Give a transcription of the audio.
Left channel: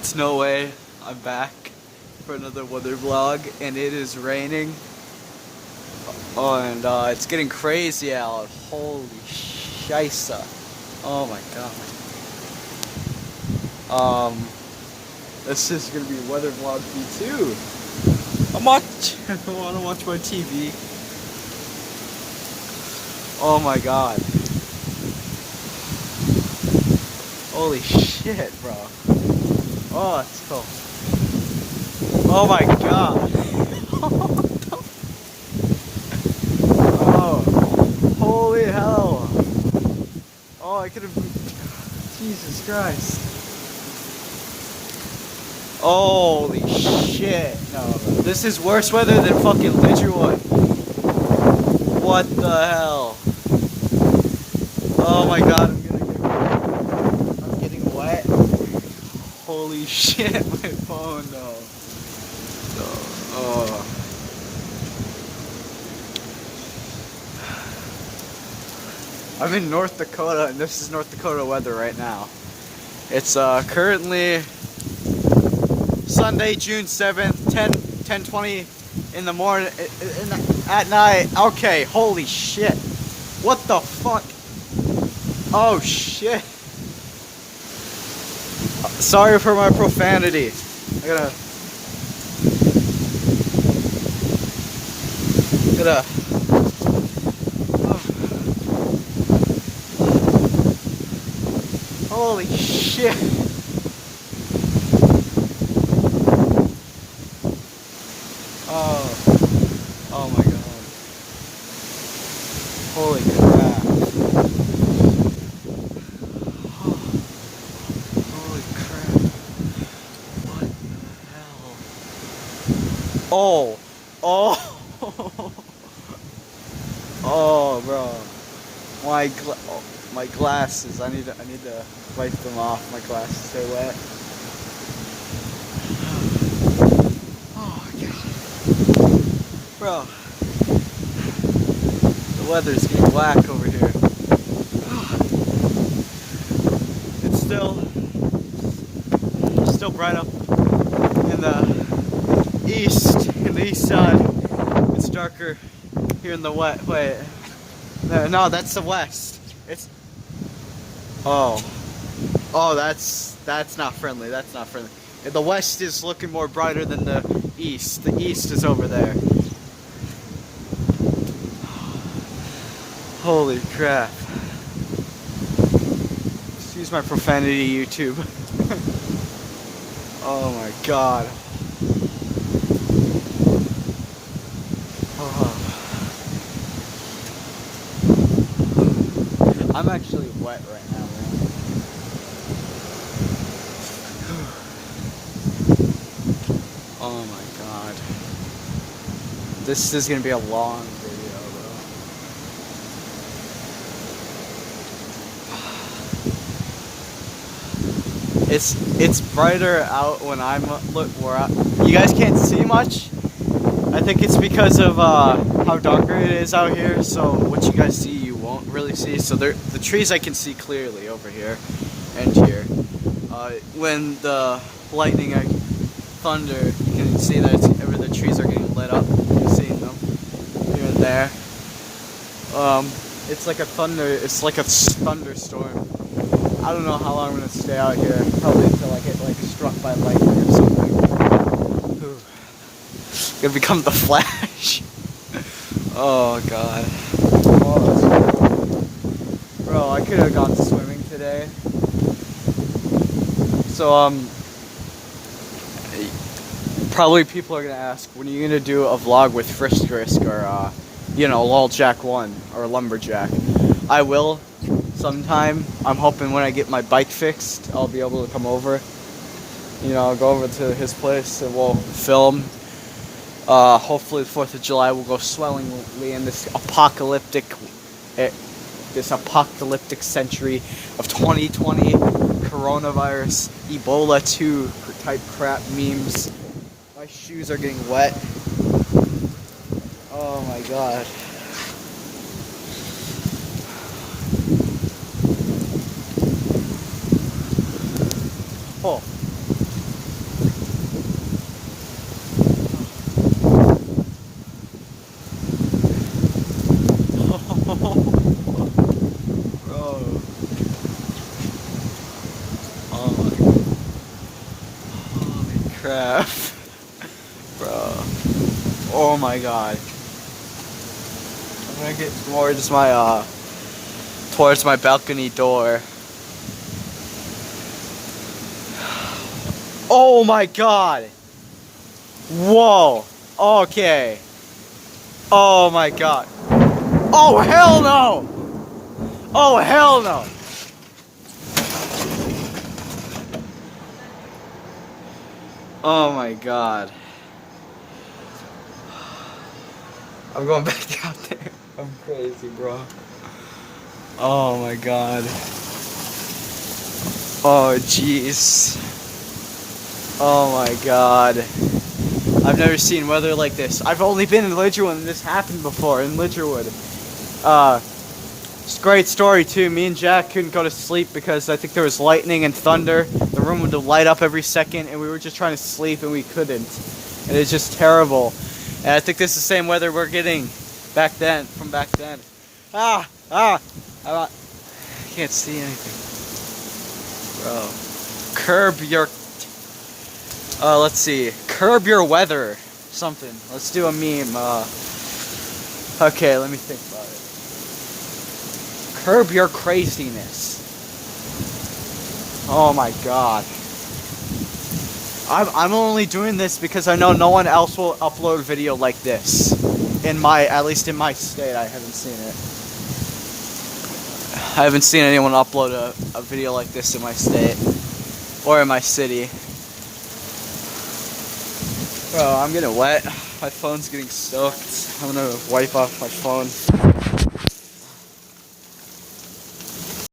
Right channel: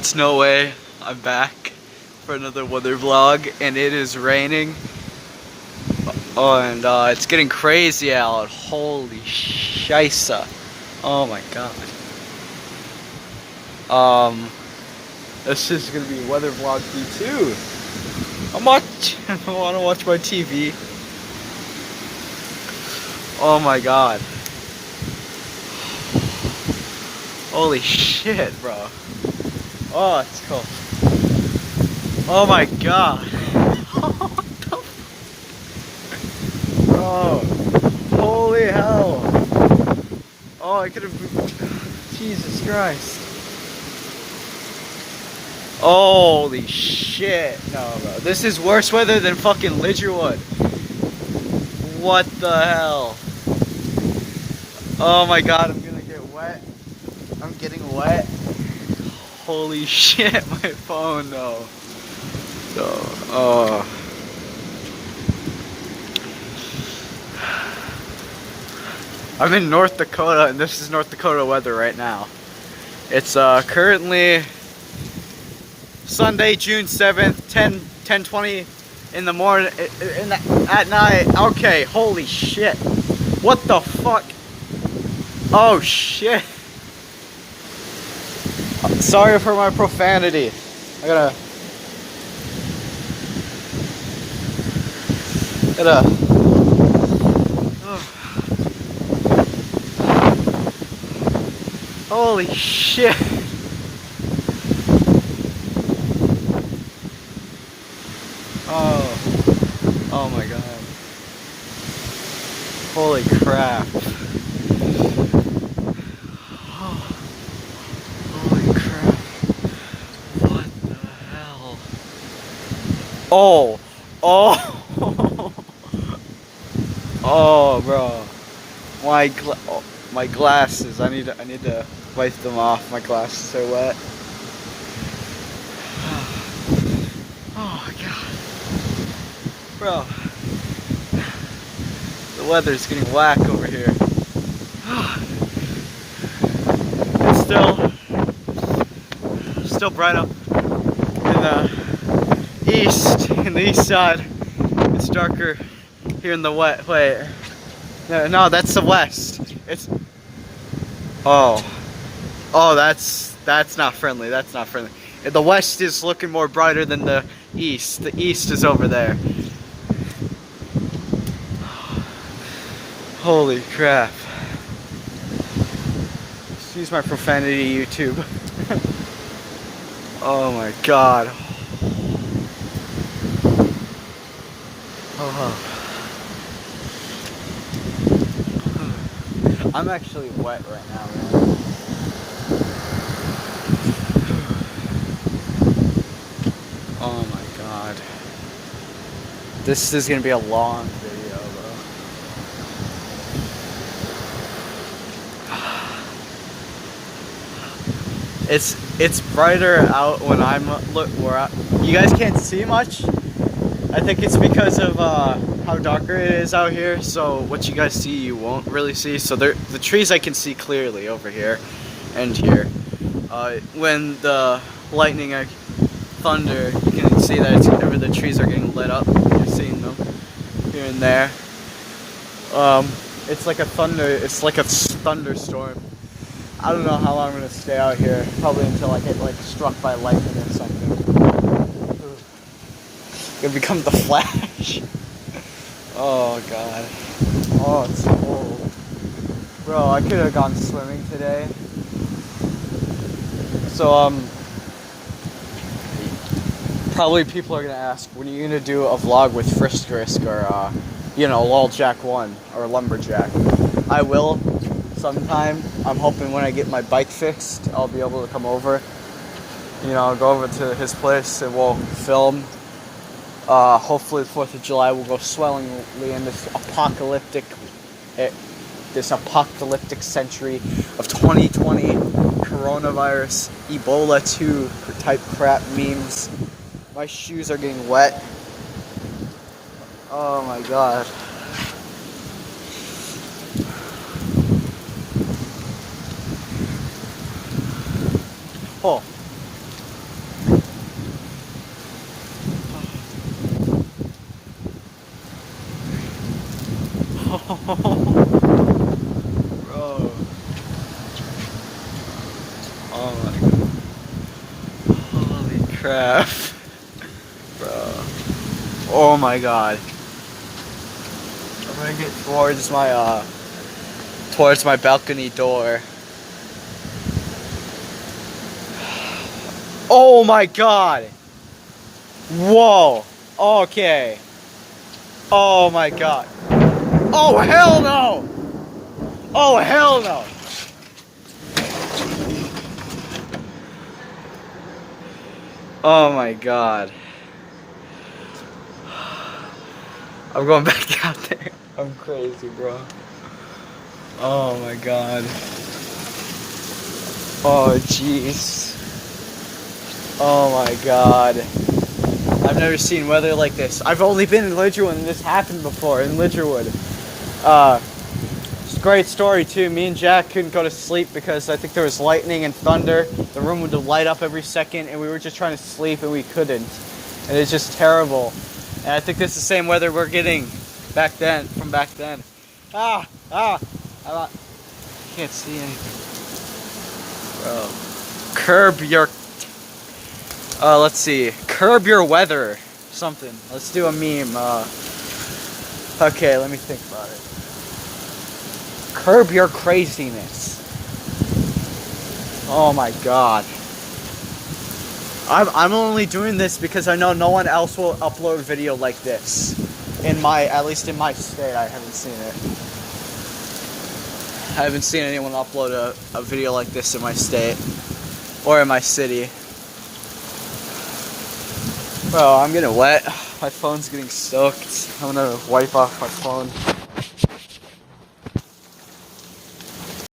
it's no way. I'm back for another weather vlog, and it is raining. Oh, and it's getting crazy out. Holy shisa. Oh my god. This is gonna be weather vlog B2. I wanna watch my TV. Oh my god. Holy shit, bro. Oh, it's cold. Oh my god. What the oh, holy hell. Oh, I could have. Jesus Christ. Holy shit. No, bro. This is worse weather than fucking Lidgerwood. What the hell? Oh my god, I'm gonna get wet. I'm getting wet. Holy shit, my phone, no. Oh. I'm in North Dakota, and this is North Dakota weather right now. It's currently Sunday, June 7th, 10:20 in the morning, at night. Okay, holy shit. What the fuck? Oh shit. Sorry for my profanity. I gotta holy shit. Oh my god. Holy crap. Holy crap. What the hell? Oh. Oh, bro. My glasses. I need to wipe them off. My glasses are wet. Oh god. Bro. The weather's getting whack over here. It's still bright up in the east side. It's darker here in the west. Wait, no, that's the west. It's oh, that's not friendly. That's not friendly. The west is looking more brighter than the east. The east is over there. Holy crap. Excuse my profanity, YouTube. Oh my god. Oh. I'm actually wet right now, man. Oh my god. This is gonna be a long video, bro. It's brighter out when I'm you guys can't see much. I think it's because of how darker it is out here, so what you guys see you won't really see. So the trees I can see clearly over here and here. When the lightning thunder, you can see that the trees are getting lit up. You're seeing them here and there. It's like a thunderstorm. I don't know how long I'm gonna stay out here. Probably until I get like struck by lightning or something. Gonna become the Flash. Oh god. Oh, it's so cold. Bro, I could have gone swimming today. So probably people are gonna ask, when are you gonna do a vlog with Frisk or Loljack 1 or Lumberjack? I will sometime. I'm hoping when I get my bike fixed, I'll be able to come over. I'll go over to his place and we'll film. Hopefully the 4th of July will go swellingly in this apocalyptic century of 2020 coronavirus, Ebola 2 type crap memes. My shoes are getting wet. Oh my god. Oh. crap. Bro. Oh my god. I'm gonna get towards my balcony door. Oh my god. Whoa. Okay. Oh my god. Oh hell no. Oh hell no. Oh my god. I'm going back out there. I'm crazy, bro. Oh my god. Oh jeez. Oh my god. I've never seen weather like this. I've only been in Lidgerwood and this happened before in Lidgerwood. It's a great story too. Me and Jack couldn't go to sleep because I think there was lightning and thunder. The room would light up every second and we were just trying to sleep and we couldn't. It was just terrible. And I think this is the same weather we're getting back then, from back then. I can't see anything. Bro. Curb your... let's see. Curb your weather. Something. Let's do a meme. Okay, let me think about it. Curb your craziness. Oh my god. I'm only doing this because I know no one else will upload video like this. At least in my state, I haven't seen it. I haven't seen anyone upload a video like this in my state. Or in my city. Bro, I'm getting wet. My phone's getting soaked. I'm gonna wipe off my phone.